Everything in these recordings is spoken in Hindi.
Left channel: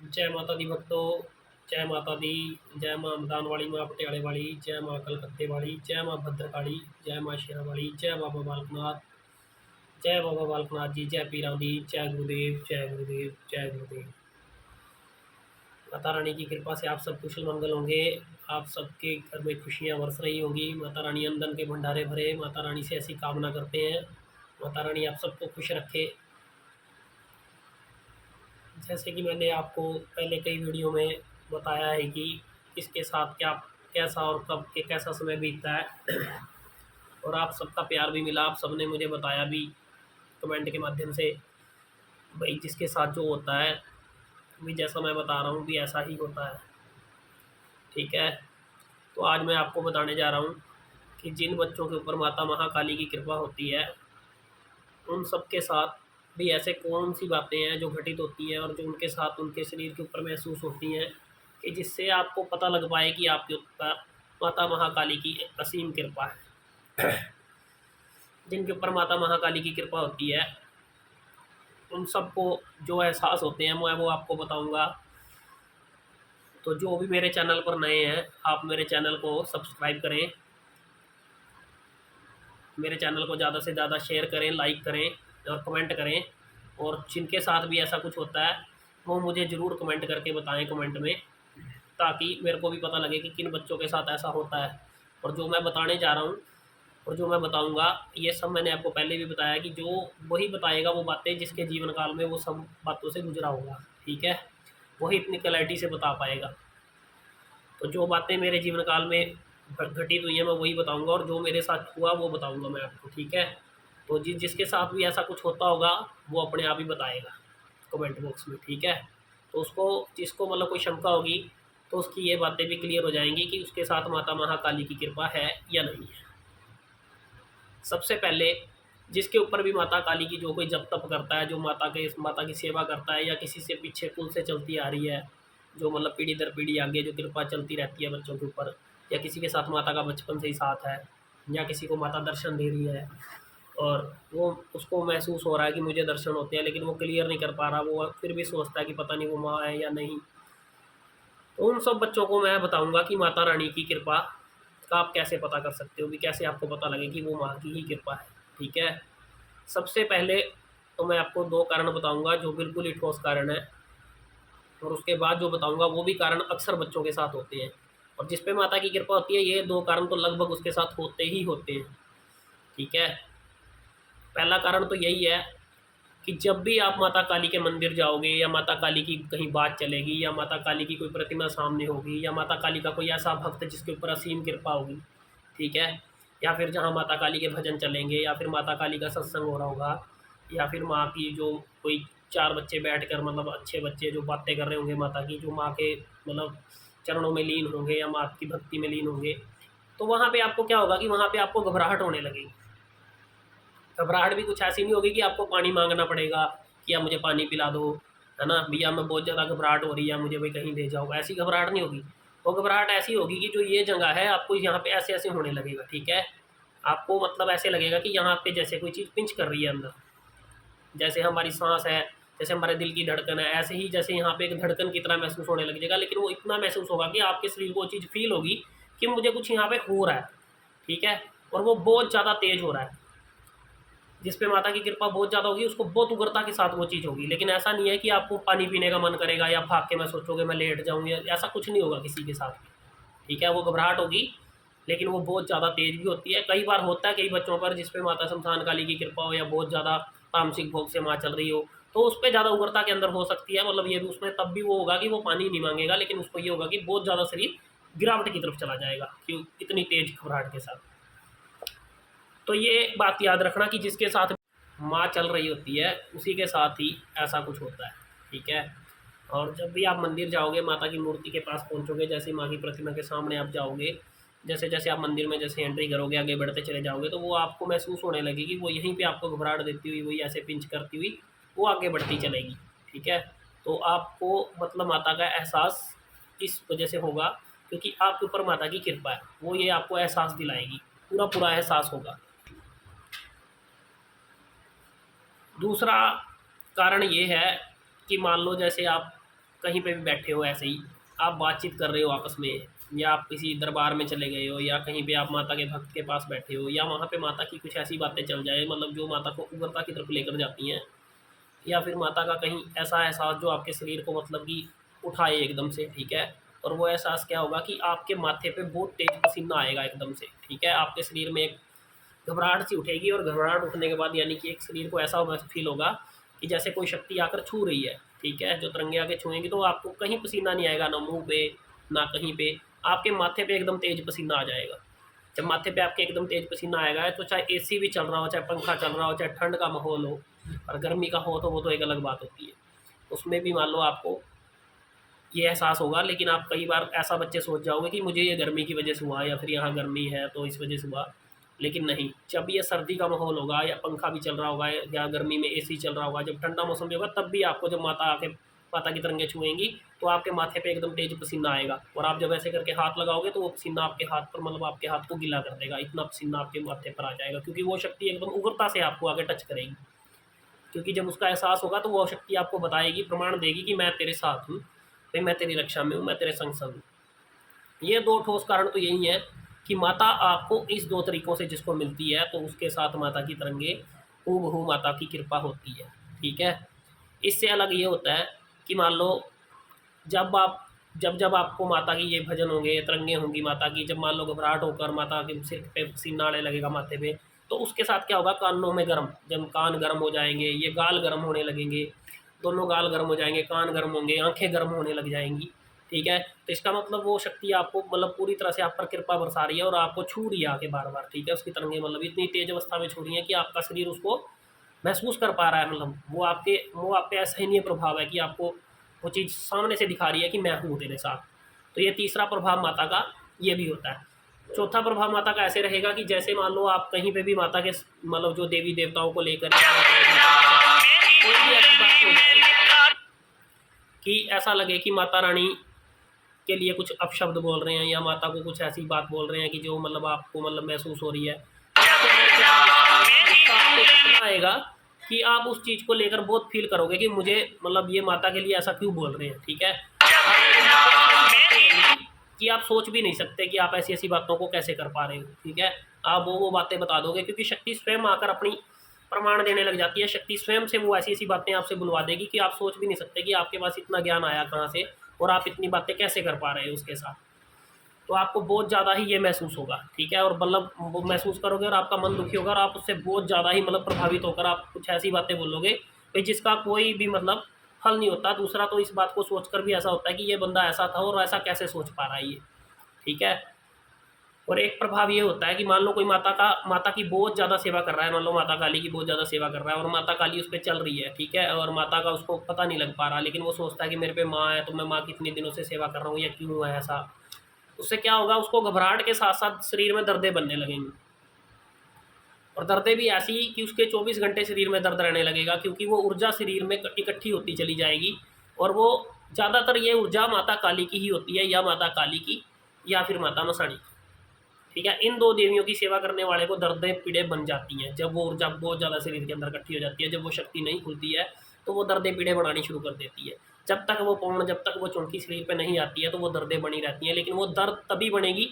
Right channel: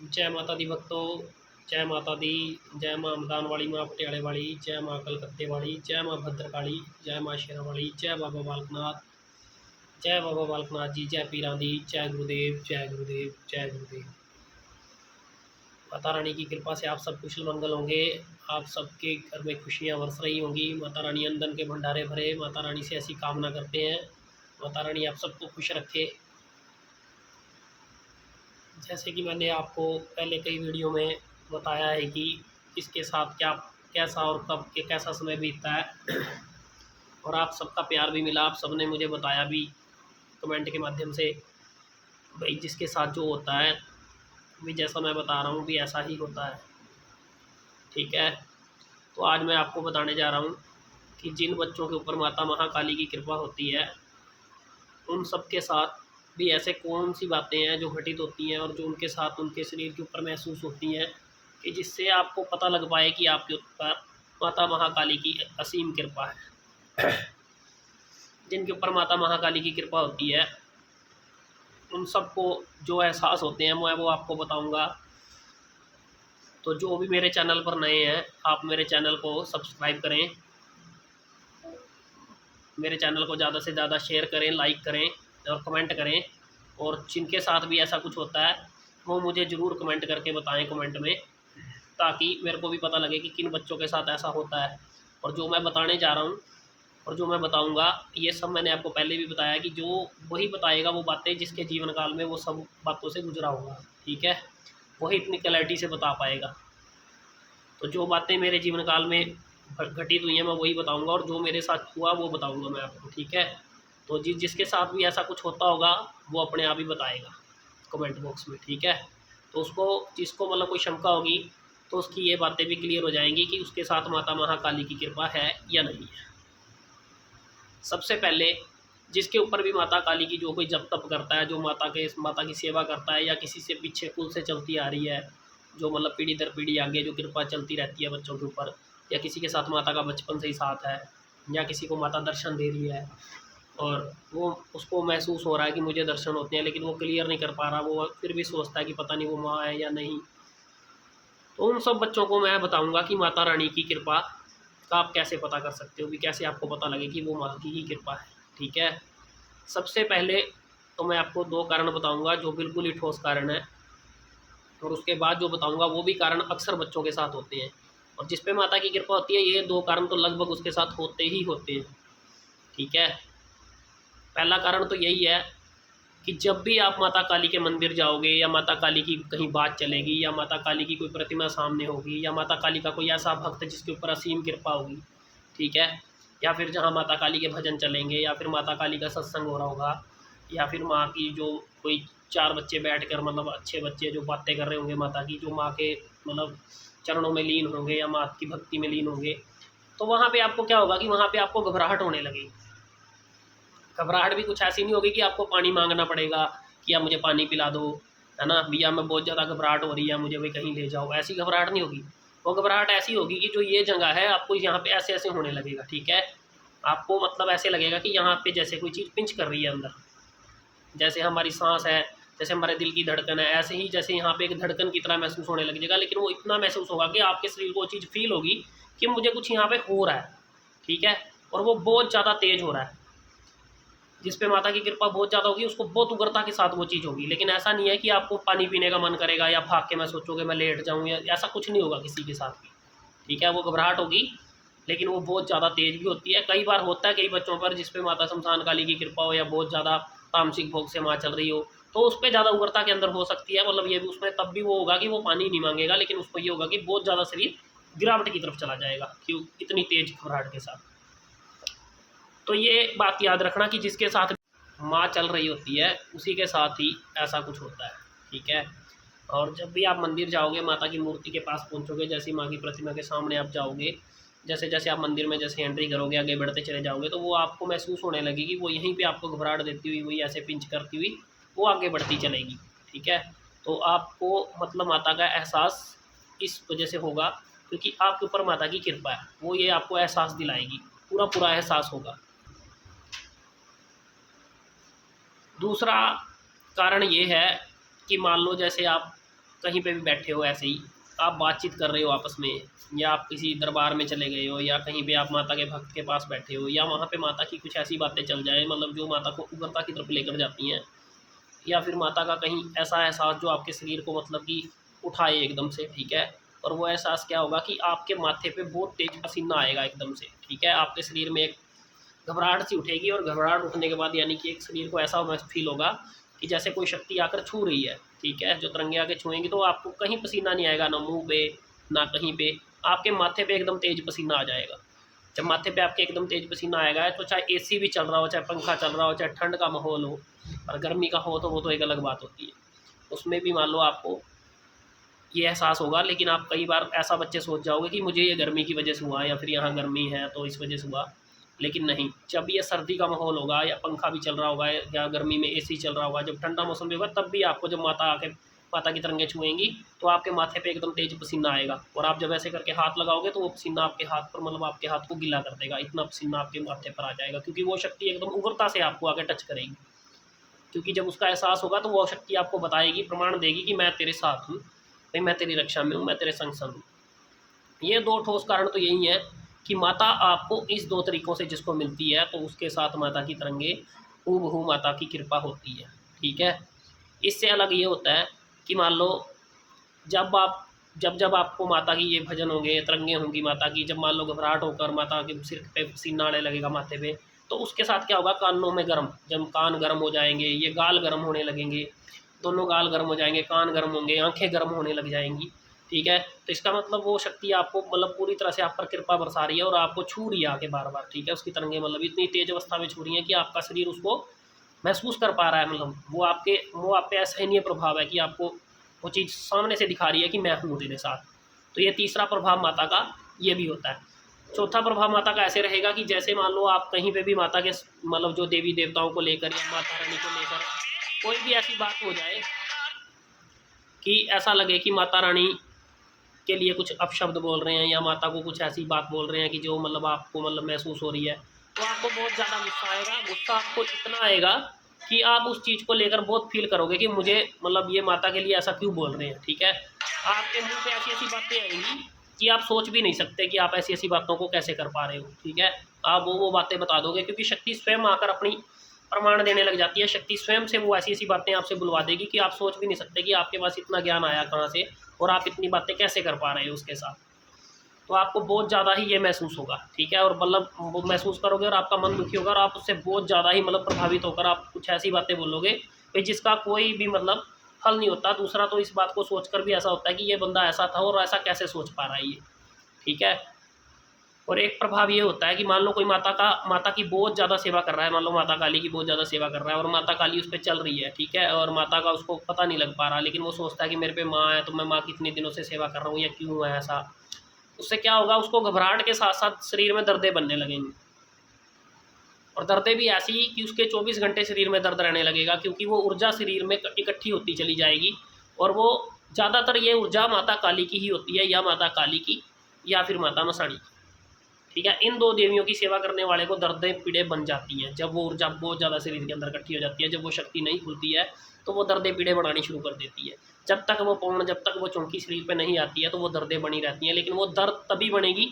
जय माता दी भक्तों, जय माता दी। जय माँ अमदान वाली, माँ पटियाले वाली, जय माँ कलकत्ते वाली, जय माँ भद्रकाली, जय माँ शेरा वाली, जय बाबा बालकनाथ, जय बाबा बालकनाथ जी, जय पीरां दी, जय गुरुदेव, जय गुरुदेव, जय गुरुदेव। माता रानी की कृपा से आप सब कुशल मंगल होंगे। आप सबके घर में खुशियाँ बरस रही होंगी। माता रानी अनधन के भंडारे भरे। माता रानी से ऐसी कामना करते हैं, माता रानी आप सबको खुश रखे। जैसे कि मैंने आपको पहले कई वीडियो में बताया है कि किसके साथ क्या, कैसा और कब के कैसा समय बीतता है और आप सबका प्यार भी मिला। आप सबने मुझे बताया भी कमेंट के माध्यम से, भाई जिसके साथ जो होता है भी जैसा मैं बता रहा हूँ भी ऐसा ही होता है। ठीक है, तो आज मैं आपको बताने जा रहा हूँ कि जिन बच्चों के ऊपर माता महाकाली की कृपा होती है उन सब के साथ भी ऐसे कौन सी बातें हैं जो घटित होती हैं और जो उनके साथ उनके शरीर के ऊपर महसूस होती हैं कि जिससे आपको पता लग पाए कि आपके ऊपर माता महाकाली की असीम कृपा है। जिनके ऊपर माता महाकाली की कृपा होती है उन सबको जो एहसास होते हैं मैं वो आपको बताऊंगा। तो जो भी मेरे चैनल पर नए हैं, आप मेरे चैनल को सब्सक्राइब करें, मेरे चैनल को ज़्यादा से ज़्यादा शेयर करें, लाइक करें और कमेंट करें। और जिनके साथ भी ऐसा कुछ होता है वो मुझे ज़रूर कमेंट करके बताएं कमेंट में, ताकि मेरे को भी पता लगे कि किन बच्चों के साथ ऐसा होता है। और जो मैं बताने जा रहा हूँ और जो मैं बताऊँगा ये सब मैंने आपको पहले भी बताया कि जो वही बताएगा वो बातें जिसके जीवन काल में वो सब बातों से गुजरा होगा। ठीक है, वही इतनी क्लैरिटी से बता पाएगा। तो जो बातें मेरे जीवन काल में घटित हुई हैं मैं वही बताऊंगा और जो मेरे साथ हुआ वो बताऊंगा मैं आपको। ठीक है, तो जिसके साथ भी ऐसा कुछ होता होगा वो अपने आप ही बताएगा कमेंट बॉक्स में। ठीक है, तो उसको जिसको मतलब कोई शंका होगी तो उसकी ये बातें भी क्लियर हो जाएंगी कि उसके साथ माता महाकाली की कृपा है या नहीं है। सबसे पहले जिसके ऊपर भी माता काली की जो कोई जप तप करता है, जो माता की सेवा करता है या किसी से पीछे कुल से चलती आ रही है, जो मतलब पीढ़ी दर पीढ़ी आगे जो कृपा चलती रहती है बच्चों के ऊपर, या किसी के साथ माता का बचपन से ही साथ है, या किसी को माता दर्शन दे रही है और वो उसको महसूस हो रहा है कि मुझे दर्शन होते हैं लेकिन वो क्लियर नहीं कर पा रहा, वो फिर भी सोचता है कि पता नहीं वो माँ है या नहीं, तो उन सब बच्चों को मैं बताऊंगा कि माता रानी की कृपा का आप कैसे पता कर सकते हो, भी कैसे आपको पता लगे कि वो माँ की ही कृपा है। ठीक है, सबसे पहले तो मैं आपको दो कारण बताऊंगा जो बिल्कुल ही ठोस कारण है, और उसके बाद जो बताऊंगा वो भी कारण अक्सर बच्चों के साथ होते हैं, और जिस पे माता की कृपा होती है ये दो कारण तो लगभग उसके साथ होते ही होते हैं। ठीक है, पहला कारण तो यही है कि जब भी आप माता काली के मंदिर जाओगे या माता काली की कहीं बात चलेगी या माता काली की कोई प्रतिमा सामने होगी या माता काली का कोई ऐसा भक्त जिसके ऊपर असीम कृपा होगी, ठीक है, या फिर जहाँ माता काली के भजन चलेंगे या फिर माता काली का सत्संग हो रहा होगा, या फिर माँ की जो कोई चार बच्चे बैठकर मतलब अच्छे बच्चे जो बातें कर रहे होंगे माता की, जो माँ के मतलब चरणों में लीन होंगे या माँ की भक्ति में लीन होंगे, तो वहाँ पे आपको क्या होगा कि वहाँ पे आपको घबराहट होने लगेगी। घबराहट भी कुछ ऐसी नहीं होगी कि आपको पानी मांगना पड़ेगा कि या मुझे पानी पिला दो, है ना भैया मैं बहुत ज़्यादा घबराहट हो रही है मुझे भाई कहीं ले जाओ, ऐसी घबराहट नहीं होगी। वो घबराहट ऐसी होगी कि जो ये जगह है आपको यहाँ पे ऐसे ऐसे होने लगेगा। ठीक है, आपको मतलब ऐसे लगेगा कि यहाँ पे जैसे कोई चीज़ पिंच कर रही है अंदर, जैसे हमारी सांस है, जैसे हमारे दिल की धड़कन है, ऐसे ही जैसे यहाँ पे एक धड़कन की तरह महसूस होने लगेगा। लेकिन वो इतना महसूस होगा कि आपके शरीर को वो चीज़ फील होगी कि मुझे कुछ यहाँ पे हो रहा है। ठीक है, और वो बहुत ज़्यादा तेज हो रहा है। जिस पे माता की कृपा बहुत ज़्यादा होगी उसको बहुत उग्रता के साथ वो चीज़ होगी। लेकिन ऐसा नहीं है कि आपको पानी पीने का मन करेगा या भाग के मैं सोचोगे मैं लेट जाऊँ, या ऐसा कुछ नहीं होगा किसी के साथ भी। ठीक है, वो घबराहट होगी लेकिन वो बहुत ज़्यादा तेज भी होती है। कई बार होता है कई बच्चों पर जिस पे माता शमशान काली की कृपा हो या बहुत ज़्यादा तामसिक भोग से माँ चल रही हो, तो उस पर ज़्यादा उग्रता के अंदर हो सकती है। मतलब ये भी उसमें तब भी वो होगा कि वो पानी नहीं मांगेगा, लेकिन उसको ये होगा कि बहुत ज़्यादा शरीर गिरावट की तरफ चला जाएगा क्यों इतनी तेज घबराहट के साथ। तो ये बात याद रखना कि जिसके साथ माँ चल रही होती है उसी के साथ ही ऐसा कुछ होता है। ठीक है, और जब भी आप मंदिर जाओगे माता की मूर्ति के पास पहुंचोगे, जैसे माँ की प्रतिमा के सामने आप जाओगे, जैसे जैसे आप मंदिर में जैसे एंट्री करोगे आगे बढ़ते चले जाओगे, तो वो आपको महसूस होने लगेगी, वो यहीं पे आपको घबराहट देती हुई वही ऐसे पिंच करती हुई वो आगे बढ़ती चलेगी। ठीक है, तो आपको मतलब माता का एहसास इस वजह से होगा क्योंकि आपके ऊपर माता की कृपा है, वो ये आपको एहसास दिलाएगी, पूरा पूरा एहसास होगा। दूसरा कारण ये है कि मान लो जैसे आप कहीं पे भी बैठे हो ऐसे ही, आप बातचीत कर रहे हो आपस में, या आप किसी दरबार में चले गए हो, या कहीं पे आप माता के भक्त के पास बैठे हो, या वहाँ पे माता की कुछ ऐसी बातें चल जाए मतलब जो माता को उग्रता की तरफ लेकर जाती हैं, या फिर माता का कहीं ऐसा एहसास जो आपके शरीर को मतलब कि उठाए एकदम से, ठीक है। और वो एहसास क्या होगा कि आपके माथे पे बहुत तेज पसीना आएगा एकदम से, ठीक है। आपके शरीर में एक घबराहट सी उठेगी, और घबराहट उठने के बाद यानी कि एक शरीर को ऐसा फील होगा कि जैसे कोई शक्ति आकर छू रही है, ठीक है। जो तरंगे आके छुएंगी तो आपको कहीं पसीना नहीं आएगा, ना मुंह पे ना कहीं पे, आपके माथे पे एकदम तेज पसीना आ जाएगा। जब माथे पे आपके एकदम तेज पसीना आएगा तो चाहे एसी भी चल रहा हो, चाहे पंखा चल रहा हो, चाहे ठंड का माहौल हो, और गर्मी का हो तो वो तो एक अलग बात होती है, उसमें भी मान लो आपको ये एहसास होगा। लेकिन आप कई बार ऐसा बच्चे सोच जाओगे कि मुझे ये गर्मी की वजह से हुआ, या फिर यहाँ गर्मी है तो इस वजह से हुआ, लेकिन नहीं। जब ये सर्दी का माहौल होगा, या पंखा भी चल रहा होगा, या गर्मी में एसी चल रहा होगा, जब ठंडा मौसम भी होगा, तब भी आपको जब माता की तरंगें छुएंगी तो आपके माथे पे एकदम तेज पसीना आएगा, और आप जब ऐसे करके हाथ लगाओगे तो वो पसीना आपके हाथ पर मतलब आपके हाथ को गीला कर देगा, इतना पसीना आपके माथे पर आ जाएगा, क्योंकि वो शक्ति एकदम उग्रता से आपको आगे टच करेगी। क्योंकि जब उसका एहसास होगा तो वो शक्ति आपको बताएगी, प्रमाण देगी कि मैं तेरे साथ हूँ भाई, मैं तेरी रक्षा में हूँ, मैं तेरे संग संग हूँ। ये दो ठोस कारण तो यही है कि माता आपको इस दो तरीक़ों से जिसको मिलती है तो उसके साथ माता की तरंगे हूबहू माता की कृपा होती है, ठीक है। इससे अलग ये होता है कि मान लो जब आपको माता की ये भजन होंगे, तरंगे होंगी माता की, जब मान लो घबराहट होकर माता के सिर पे पसीना आने लगेगा माथे पे, तो उसके साथ क्या होगा, कानों में गर्म, जब कान गर्म हो जाएंगे, ये गाल गर्म होने लगेंगे, दोनों गाल गर्म हो जाएंगे, कान गर्म होंगे, आंखें गर्म होने लग जाएंगी, ठीक है। तो इसका मतलब वो शक्ति आपको मतलब पूरी तरह से आप पर कृपा बरसा रही है, और आपको छू रही है आके बार बार, ठीक है। उसकी तरंगे मतलब इतनी तेज अवस्था में छू रही है कि आपका शरीर उसको महसूस कर पा रहा है, मतलब वो आप पे असहनीय प्रभाव है कि आपको वो चीज़ सामने से दिखा रही है कि मैं हूँ तेरे साथ। तो ये तीसरा प्रभाव माता का ये भी होता है। चौथा प्रभाव माता का ऐसे रहेगा कि जैसे मान लो आप कहीं पे भी माता के मतलब जो देवी देवताओं को लेकर या माता रानी को लेकर कोई भी ऐसी बात हो जाए कि ऐसा लगे कि माता रानी के लिए कुछ अपशब्द बोल रहे हैं, या माता को कुछ ऐसी बात बोल रहे हैं कि जो मतलब आपको मतलब महसूस हो रही है, तो आपको बहुत ज़्यादा गुस्सा आएगा। गुस्सा आपको इतना आएगा कि आप उस चीज़ को लेकर बहुत फील करोगे कि मुझे मतलब ये माता के लिए ऐसा क्यों बोल रहे हैं, ठीक है। आपके मुँह पे ऐसी ऐसी बातें आएंगी कि आप सोच भी नहीं सकते कि आप ऐसी ऐसी बातों को कैसे कर पा रहे हो, ठीक है। आप वो बातें बता दोगे, क्योंकि शक्ति स्वयं आकर अपनी प्रमाण देने लग जाती है। शक्ति स्वयं से वो ऐसी ऐसी बातें आपसे बुलवा देगी कि आप सोच भी नहीं सकते कि आपके पास इतना ज्ञान आया कहाँ से, और आप इतनी बातें कैसे कर पा रहे हो उसके साथ। तो आपको बहुत ज़्यादा ही ये महसूस होगा, ठीक है। और मतलब वो महसूस करोगे और आपका मन दुखी होगा, और आप उससे बहुत ज़्यादा ही मतलब प्रभावित होकर आप कुछ ऐसी बातें बोलोगे भाई जिसका कोई भी मतलब हल नहीं होता। दूसरा तो इस बात को सोचकर भी ऐसा होता है कि ये बंदा ऐसा था और ऐसा कैसे सोच पा रहा है ये, ठीक है। और एक प्रभाव ये होता है कि मान लो कोई माता की बहुत ज़्यादा सेवा कर रहा है, मान लो माता काली की बहुत ज़्यादा सेवा कर रहा है, और माता काली उस पर चल रही है, ठीक है। और माता का उसको पता नहीं लग पा रहा, लेकिन वो सोचता है कि मेरे पे माँ है तो मैं माँ की इतनी दिनों से सेवा कर रहा हूँ, या क्यों है ऐसा। उससे क्या होगा, उसको घबराहट के साथ साथ शरीर में दर्दें बनने लगेंगी, और दर्दें भी ऐसी कि उसके 24 घंटे शरीर में दर्द रहने लगेगा, क्योंकि वो ऊर्जा शरीर में इकट्ठी होती चली जाएगी। और वो ज़्यादातर ये ऊर्जा माता काली की ही होती है, या माता काली की या फिर माता मसाणी की, ठीक है। इन दो देवियों की सेवा करने वाले को दर्दें पीड़े बन जाती हैं जब वो ऊर्जा बहुत ज़्यादा शरीर के अंदर इकट्ठी हो जाती है। जब वो शक्ति नहीं खुलती है तो वो दर्दें पीड़े बनानी शुरू कर देती है। जब तक वो चौंकी शरीर पे नहीं आती है तो वो दर्दें बनी रहती हैं, लेकिन वो दर्द तभी बनेगी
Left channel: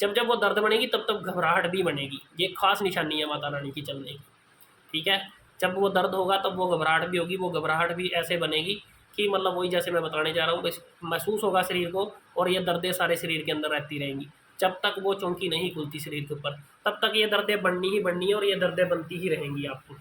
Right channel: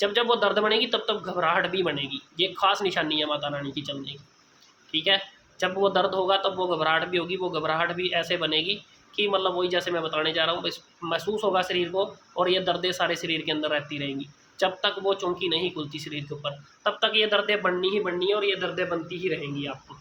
जब वो दर्द बनेगी तब घबराहट भी बनेगी। ये खास निशानी है माता रानी की चलने की, ठीक है। जब वो दर्द होगा तब वो घबराहट भी होगी। वो घबराहट भी ऐसे बनेगी कि मतलब वही जैसे मैं बताने जा रहा हूँ, बस महसूस होगा शरीर को, और ये दर्दें सारे शरीर के अंदर रहती रहेंगी जब तक वो चौंकी नहीं खुलती शरीर के ऊपर। तब तक ये दर्दें बननी ही बननी है, और ये दर्दें बनती ही रहेंगी आपको।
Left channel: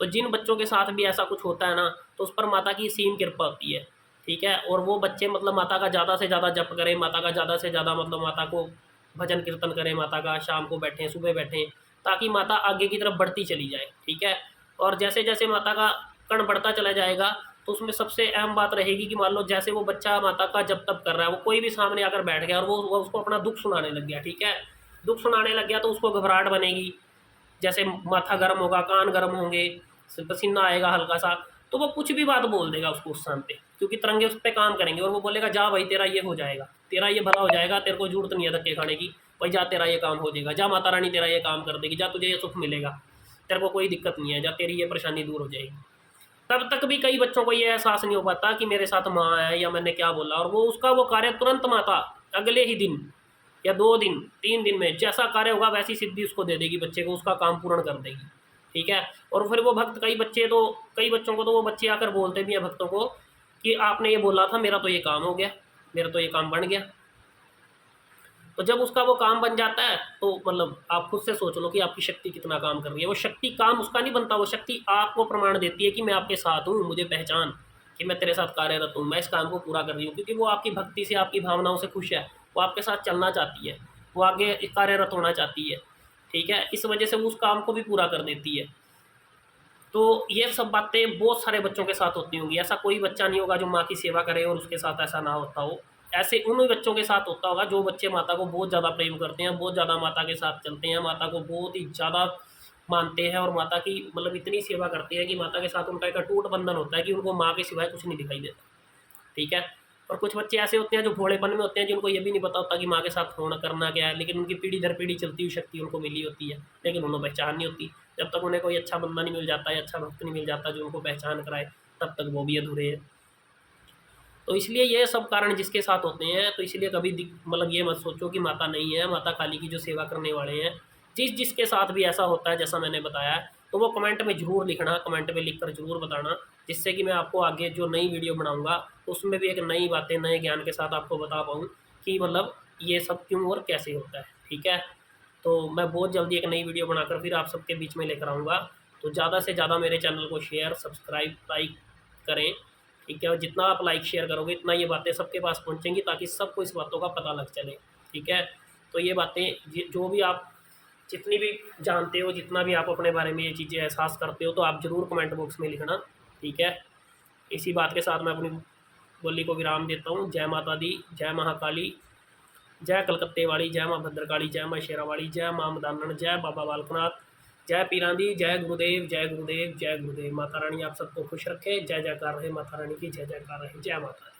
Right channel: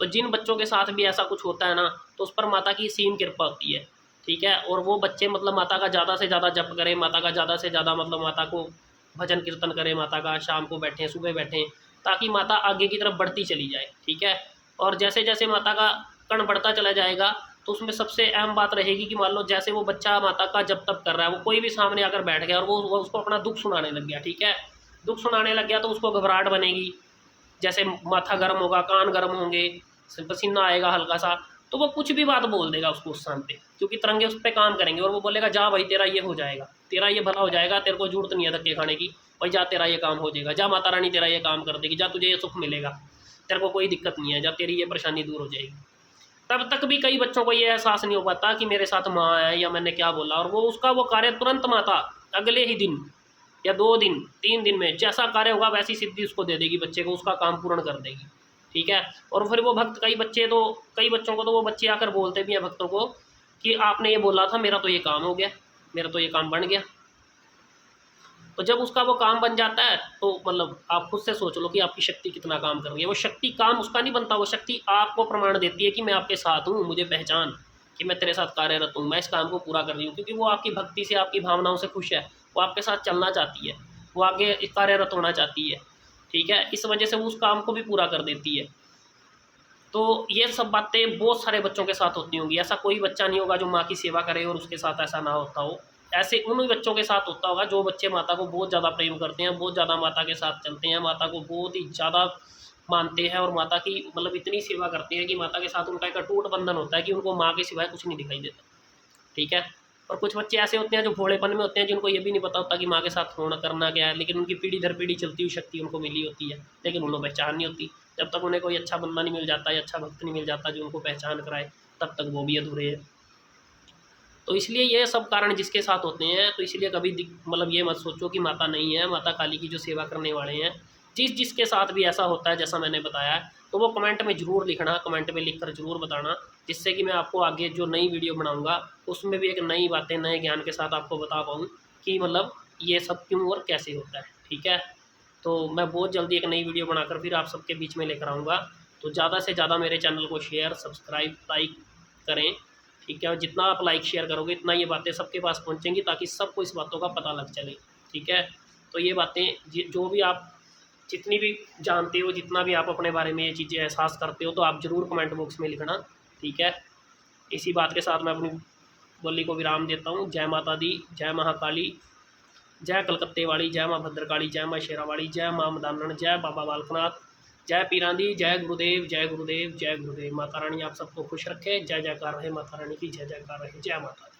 तो जिन बच्चों के साथ भी ऐसा कुछ होता है ना, तो उस पर माता की सीम कृपा होती है, ठीक है। और वो बच्चे मतलब माता का ज़्यादा से ज़्यादा जप करें, माता का ज़्यादा से ज़्यादा मतलब माता को भजन कीर्तन करें, माता का शाम को बैठें, सुबह बैठें, ताकि माता आगे की तरफ बढ़ती चली जाए, ठीक है। और जैसे जैसे माता का कण बढ़ता चला जाएगा, तो उसमें सबसे अहम बात रहेगी कि मान लो जैसे वो बच्चा माता का जप तप कर रहा है, वो कोई भी सामने आकर बैठ गया और वो उसको अपना दुख सुनाने लग गया, ठीक है। दुख सुनाने लग गया तो उसको घबराहट बनेगी, जैसे माथा गर्म होगा, कान गर्म होंगे, पसीना आएगा हल्का सा, तो वो कुछ भी बात बोल देगा उसको उस समय पे, क्योंकि तरंगे उस पर काम करेंगे। और वो बोलेगा जा भाई तेरा ये हो जाएगा, तेरा ये भला हो जाएगा, तेरे को जरूरत नहीं है धक्के खाने की, भाई जा तेरा ये काम हो जाएगा, जा माता रानी तेरा ये काम कर देगी, जा तुझे ये सुख मिलेगा, तेरे को कोई दिक्कत नहीं है, जा तेरी ये परेशानी दूर हो जाएगी। तब तक भी कई बच्चों को ये एहसास नहीं हो पाता कि मेरे साथ माँ है या मैंने क्या बोला, और वो उसका वो कार्य तुरंत माता अगले ही दिन या 2 दिन 3 दिन में जैसा कार्य होगा वैसी सिद्धि उसको दे देगी, बच्चे को उसका काम पूर्ण कर देगी। ठीक है। और फिर वो भक्त, कई बच्चों को तो वो बच्चे आकर बोलते भी हैं भक्तों को कि आपने ये बोला था, मेरा तो ये काम हो गया, मेरा तो ये काम बन गया। तो जब उसका वो काम बन जाता है तो मतलब आप खुद से सोच लो कि आपकी शक्ति कितना काम कर रही है। वो शक्ति काम उसका नहीं बनता, वो शक्ति आपको प्रमाण देती है कि मैं आपके साथ हूँ, मुझे पहचान कि मैं तेरे साथ कार्यरत हूँ, मैं इस काम को पूरा कर रही हूँ। क्योंकि वो आपकी भक्ति से, आपकी भावनाओं से खुश है, वो आपके साथ चलना चाहती है, वो आगे कार्यरत होना चाहती है। ठीक है। इस वजह से वो उस काम को भी पूरा कर देती है। तो ये सब बातें बहुत सारे बच्चों के साथ होती होंगी। ऐसा कोई बच्चा नहीं होगा जो माँ की सेवा करे और उसके साथ ऐसा ना होता हो। ऐसे उन बच्चों के साथ होता होगा जो बच्चे माता को बहुत ज़्यादा प्रेम करते हैं, बहुत ज़्यादा माता के साथ चलते हैं, माता को बहुत ही ज़्यादा मानते हैं और माता की मतलब इतनी सेवा करते हैं कि माता के साथ उनका एक अटूट बंधन होता है कि उनको माँ के सिवाय कुछ नहीं दिखाई देता। ठीक है। और कुछ बच्चे ऐसे होते हैं जो भोलेपन में होते हैं, जिनको ये भी नहीं पता होता कि माँ के साथ होना करना क्या है, लेकिन उनकी पीढ़ी दर पीढ़ी चलती हुई शक्ति उनको मिली होती है, लेकिन उन्हें पहचान नहीं होती। जब तक उन्हें कोई अच्छा बंदा नहीं मिल जाता है, अच्छा भक्त नहीं मिल जाता जो उनको पहचान कराए, तब तक वो भी अधूरे हैं। तो इसलिए ये सब कारण जिसके साथ होते हैं, तो इसलिए कभी मतलब ये मत सोचो कि माता नहीं है। माता काली की जो सेवा करने वाले हैं, जिसके साथ भी ऐसा होता है जैसा मैंने बताया है, तो वो कमेंट में ज़रूर लिखना, कमेंट में लिख कर ज़रूर बताना, जिससे कि मैं आपको आगे जो नई वीडियो बनाऊंगा उसमें भी एक नई बातें, नए ज्ञान के साथ आपको बता पाऊँ कि मतलब ये सब क्यों और कैसे होता है। ठीक है। तो मैं बहुत जल्दी एक नई वीडियो बनाकर फिर आप सबके बीच में लेकर आऊँगा। तो ज़्यादा से ज़्यादा मेरे चैनल को शेयर, सब्सक्राइब, लाइक करें। ठीक है। और जितना आप लाइक शेयर करोगे इतना ये बातें सबके पास पहुंचेंगी, ताकि सबको इस बातों का पता लग चले। ठीक है। तो ये बातें जो भी आप जितनी भी जानते हो, जितना भी आप अपने बारे में ये चीज़ें एहसास करते हो, तो आप ज़रूर कमेंट बॉक्स में लिखना। ठीक है। इसी बात के साथ मैं अपनी बोली को विराम देता हूँ। जय माता दी, जय महाकाली, जय कलकत्ते वाली, जय माँ भद्रकाली, जय माँ शेरावाली, जय माँ मदानन, जय बाबा बालकनाथ, जय पीरांदी, जय गुरुदेव, जय गुरुदेव, जय गुरुदेव। माता रानी आप सबको खुश रखे। जय जयकार रहे माता रानी की, जय जयकार रहे। जय माता दी।